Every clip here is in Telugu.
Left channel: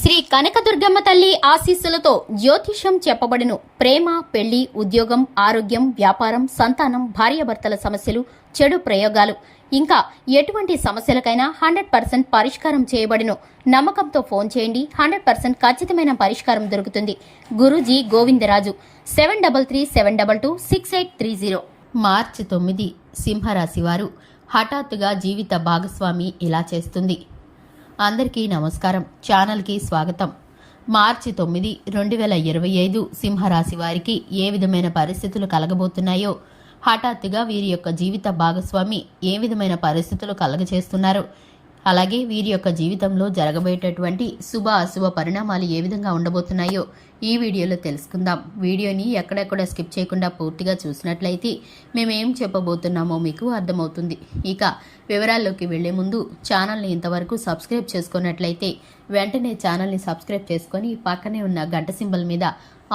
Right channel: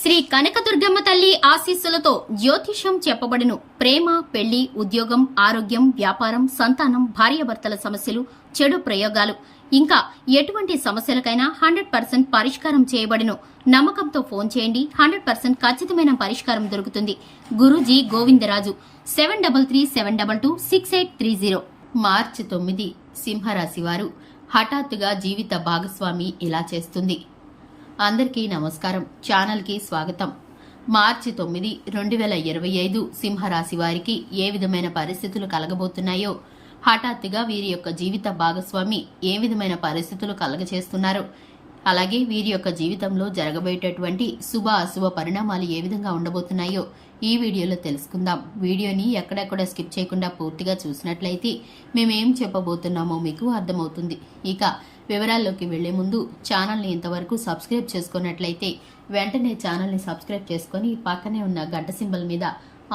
శ్రీ కనకదుర్గమ్మ తల్లి ఆశీస్సులతో జ్యోతిషం చెప్పబడును. ప్రేమ పెళ్ళి ఉద్యోగం ఆరోగ్యం వ్యాపారం సంతానం భార్యాభర్తల సమస్యలు చెడు ప్రయోగాలు. ఇంకా ఎటువంటి సమస్యలకైనా హండ్రెడ్ పర్సెంట్ పరిష్కారం చేయబడును. నమ్మకంతో ఫోన్ చేయండి. హండ్రెడ్ పర్సెంట్ ఖచ్చితమైన పరిష్కారం దొరుకుతుంది. Guruji Govindaraju seven double three seven double two six eight three zero. March తొమ్మిది సింహరాశి వారు హఠాత్తుగా జీవిత భాగస్వామి ఇలా చేస్తుంది. అందరికీ నమస్కారం. ఛానల్కి స్వాగతం. మార్చి తొమ్మిది రెండు వేల ఇరవై ఐదు సింహరాశి వారికి ఏ విధమైన పరిస్థితులు కలగబోతున్నాయో హఠాత్తుగా వీరి యొక్క జీవిత భాగస్వామి ఏ విధమైన పరిస్థితులు కలగచేస్తున్నారు అలాగే వీరి యొక్క జీవితంలో జరగబోయేటటువంటి శుభ అశుభ పరిణామాలు ఏ విధంగా ఉండబోతున్నాయో ఈ వీడియోలో తెలుసుకుందాం. వీడియోని ఎక్కడెక్కడ స్కిప్ చేయకుండా పూర్తిగా చూసినట్లయితే మేమేం చెప్పబోతున్నామో మీకు అర్థమవుతుంది. ఇక వివరాల్లోకి వెళ్ళే ముందు ఛానల్ని ఇంతవరకు సబ్స్క్రైబ్ చేసుకున్నట్లయితే వెంటనే ఛానల్ని సబ్స్క్రైబ్ చేసుకొని పక్కనే ఉన్న గంట సింబల్ మీద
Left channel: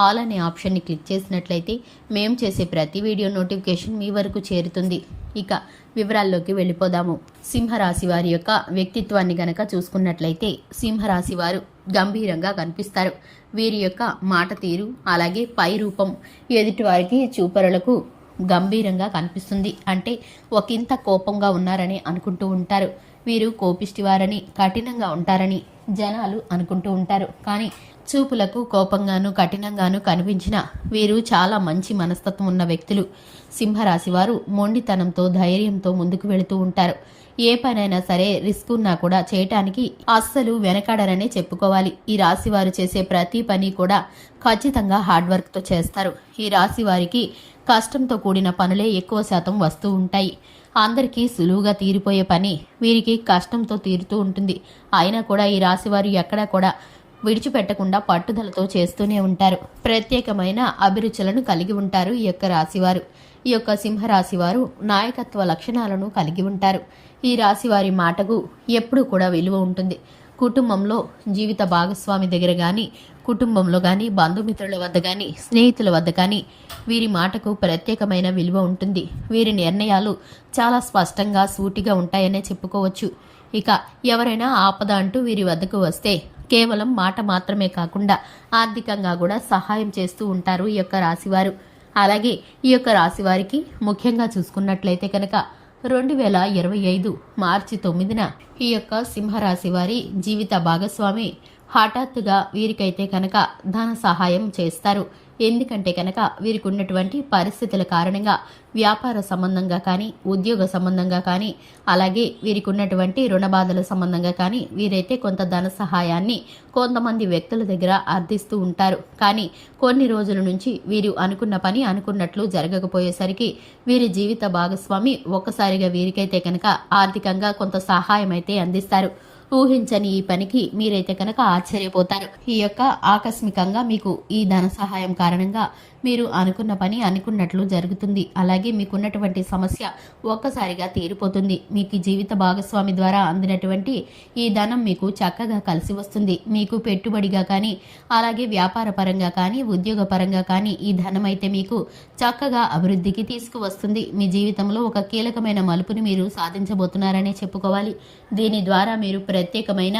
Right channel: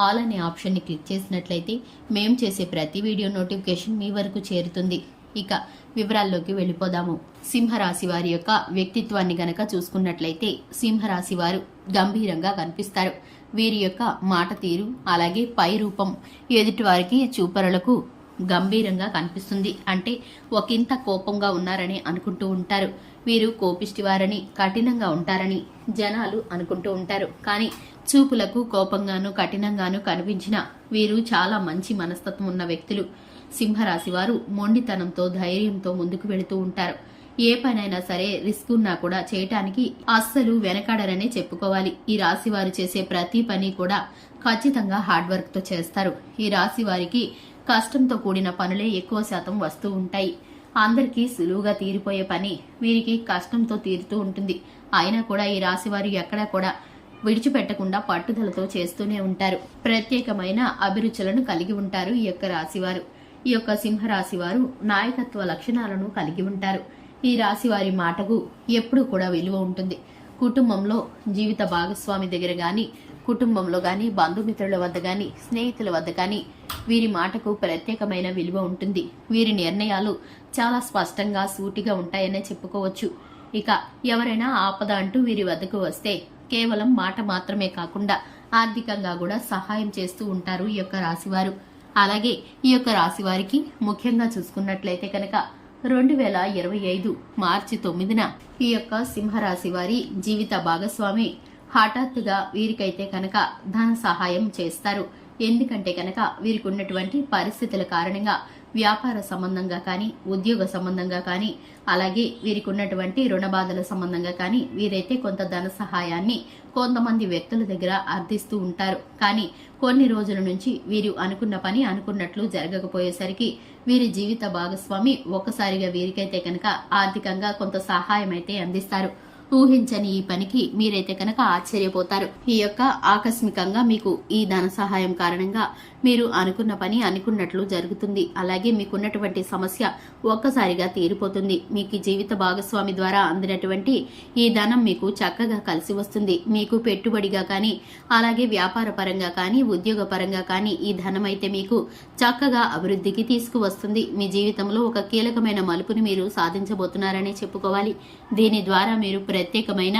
ఆల్ అనే ఆప్షన్ని క్లిక్ చేసినట్లయితే మేము చేసే ప్రతి వీడియో నోటిఫికేషన్ మీ వరకు చేరుతుంది. ఇక వివరాల్లోకి వెళ్ళిపోదాము. సింహరాశి వారి యొక్క వ్యక్తిత్వాన్ని గనక చూసుకున్నట్లయితే సింహరాశి వారు గంభీరంగా కనిపిస్తారు. వీరి యొక్క మాట తీరు అలాగే పై రూపం ఎదుటివారికి చూపరులకు గంభీరంగా కనిపిస్తుంది. అంటే ఒకంత కోపంగా ఉన్నారని అనుకుంటూ ఉంటారు. వీరు కోపిష్టివారని కఠినంగా ఉంటారని జనాలు అనుకుంటూ ఉంటారు. కానీ చూపులకు కోపంగాను కఠినంగాను కనిపించిన వీరు చాలా మంచి మనస్తత్వం ఉన్న వ్యక్తులు. సింహరాశి వారు మొండితనంతో ధైర్యంతో ముందుకు వెళుతూ ఉంటారు. ఏ పనైనా సరే రిస్క్ ఉన్నా కూడా చేయటానికి అస్సలు వెనకాడరనే చెప్పుకోవాలి. ఈ రాశి వారు చేసే ప్రతి పని కూడా ఖచ్చితంగా హార్డ్ వర్క్తో చేస్తారు. ఈ రాశి వారికి కష్టంతో కూడిన పనులే ఎక్కువ శాతం వస్తూ ఉంటాయి. అందరికీ సులువుగా తీరిపోయే పని వీరికి కష్టంతో తీరుతూ ఉంటుంది. అయినా కూడా ఈ రాశివారు ఎక్కడా కూడా విడిచిపెట్టకుండా పట్టుదలతో చేస్తూనే ఉంటారు. ప్రత్యేకమైన అభిరుచులను కలిగి ఉంటారు ఈ యొక్క రాశివారు. ఈ యొక్క సింహరాశి వారు నాయకత్వ లక్షణాలను కలిగి ఉంటారు. ఈ రాశి వారి మాటకు ఎప్పుడూ కూడా విలువ ఉంటుంది. కుటుంబంలో జీవిత భాగస్వామి దగ్గర కానీ కుటుంబంలో కానీ బంధుమిత్రుల వద్ద కానీ స్నేహితుల వద్ద కానీ వీరి మాటకు ప్రత్యేకమైన విలువ ఉంటుంది. వీరి నిర్ణయాలు చాలా స్పష్టంగా సూటిగా ఉంటాయనే చెప్పుకోవచ్చు. ఇక ఎవరైనా ఆపద అంటూ వీరి వద్దకు వస్తే కేవలం మాట మాత్రమే కాకుండా ఆర్థికంగా కూడా సహాయం చేస్తూ ఉంటారు ఈ యొక్క రాశివారు. అలాగే ఈ యొక్క రాశివారికి ముఖ్యంగా చూసుకున్నట్లయితే కనుక రెండు వేల ఇరవై ఐదు మార్చి తొమ్మిదిన ఈ యొక్క సింహరాశి వారి జీవిత భాగస్వామి హఠాత్తుగా వీరికైతే కనుక ధన సహాయం చేస్తారు. ఎందుకంటే కనుక వీరికి ఉన్నటువంటి పరిస్థితుల కారణంగా వ్యాపార సంబంధంగా కానీ ఉద్యోగ సంబంధంగా కానీ అలాగే వీరికి ఉన్నటువంటి రుణ బాధల సంబంధంగా కానీ వీరైతే కొంత ధన సహాయాన్ని కొంతమంది వ్యక్తుల దగ్గర అర్థిస్తూ ఉంటారు. కానీ కొన్ని రోజుల నుంచి వీరు అనుకున్న పని అనుకున్నట్లు జరగకపోయేసరికి వీరి జీవిత భాగస్వామి ఒక్కసారిగా వీరికైతే కనుక ఆర్థికంగా కొంత సహాయం అయితే అందిస్తారు. ఊహించని ఈ పనికి మీరైతే కనుక ఆశ్చర్యపోతారు. ఈ యొక్క ఆకస్మికంగా మీకు ఈ ధన సహాయం కారణంగా మీరు అనుకున్న పని అనుకున్నట్లు జరుగుతుంది. అలాగే మీకున్నటువంటి సమస్య ఒక్కసారిగా తీరిపోతుంది. మీకు జీవిత భాగస్వామి ద్వారా అందినటువంటి ఈ ధనం మీకు చక్కగా కలిసి వస్తుంది. మీకు పెట్టుబడిగా కానీ అలాగే వ్యాపార పరంగా కానీ ఉద్యోగ పరంగా కానీ ఈ ధనం అయితే మీకు చక్కగా అభివృద్ధికి తీసుకువస్తుంది. మీ జీవితంలో ఒక కీలకమైన మలుపుని మీరు సాధించబోతున్నారనే చెప్పుకోవాలి. దీని ద్వారా మీరు ప్రత్యేకమైన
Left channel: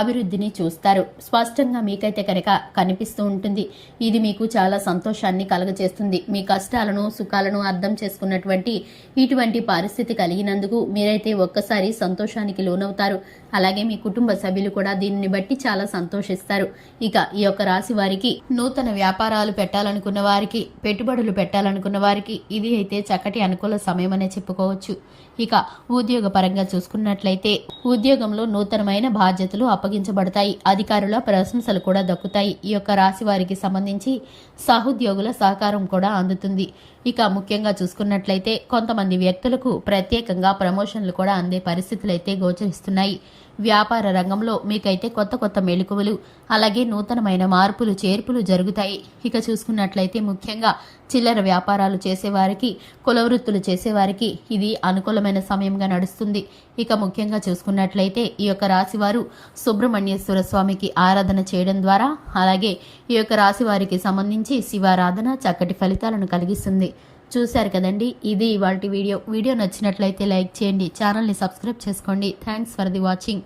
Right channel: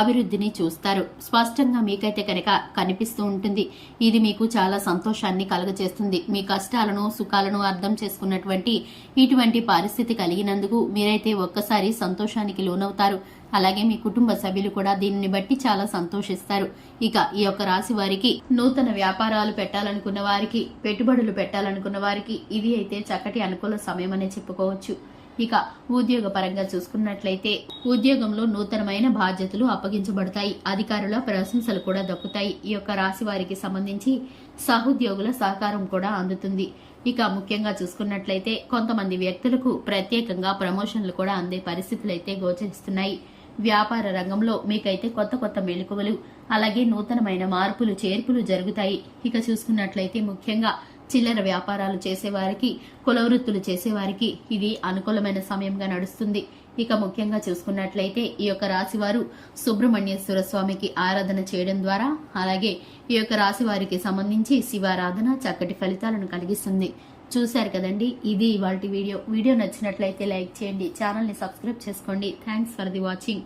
అభివృద్ధిని చూస్తారు. స్పష్టంగా మీకైతే కనుక కనిపిస్తూ ఉంటుంది. ఇది మీకు చాలా సంతోషాన్ని కలుగజేస్తుంది. మీ కష్టాలను సుఖాలను అర్థం చేసుకున్నటువంటి ఇటువంటి పరిస్థితి కలిగినందుకు మీరైతే ఒక్కసారి సంతోషానికి లోనవుతారు. అలాగే మీ కుటుంబ సభ్యులు కూడా దీనిని బట్టి చాలా సంతోషిస్తారు. ఇక ఈ యొక్క రాశి వారికి నూతన వ్యాపారాలు పెట్టాలనుకున్న వారికి పెట్టుబడులు పెట్టాలనుకున్న వారికి ఇది అయితే చక్కటి అనుకూల సమయం అనే చెప్పుకోవచ్చు. ఇక ఉద్యోగ పరంగా చూసుకున్నట్లయితే ఉద్యోగంలో నూతనమైన బాధ్యతలు అప్పగించబడతాయి. అధికారుల ప్రశంసలు కూడా దక్కుతాయి. ఈ యొక్క రాశి వారికి సంబంధించి సహోద్యోగుల సహకారం కూడా అందుతుంది. ఇక ముఖ్యంగా చూసుకున్నట్లయితే కొంతమంది వ్యక్తులకు ప్రత్యేకంగా ప్రమోషన్లు కూడా అందే పరిస్థితులు అయితే గోచరిస్తున్నాయి. వ్యాపార రంగంలో మీకైతే కొత్త కొత్త మెళుకువలు అలాగే నూతనమైన మార్పులు చేర్పులు జరుగుతాయి. ఇక చూసుకున్నట్లయితే ముఖ్యంగా చిల్లర వ్యాపారాలు చేసేవారికి కులవృత్తులు చేసేవారికి ఇది అనుకూలమైన సమయంగా నడుస్తుంది. ఇక ముఖ్యంగా చూసుకున్నట్లయితే ఈ యొక్క రాశివారు సుబ్రహ్మణ్యేశ్వర స్వామికి ఆరాధన చేయడం ద్వారా అలాగే ఈ యొక్క రాశి వారికి సంబంధించి శివారాధన చక్కటి ఫలితాలను కలిగిస్తుంది. చూశారు కదండి? ఇది ఇవాళ వీడియో. వీడియో నచ్చినట్లయితే లైక్ చేయండి ఛానల్ని సబ్స్క్రైబ్ చేసుకోండి. Thanks for the watching.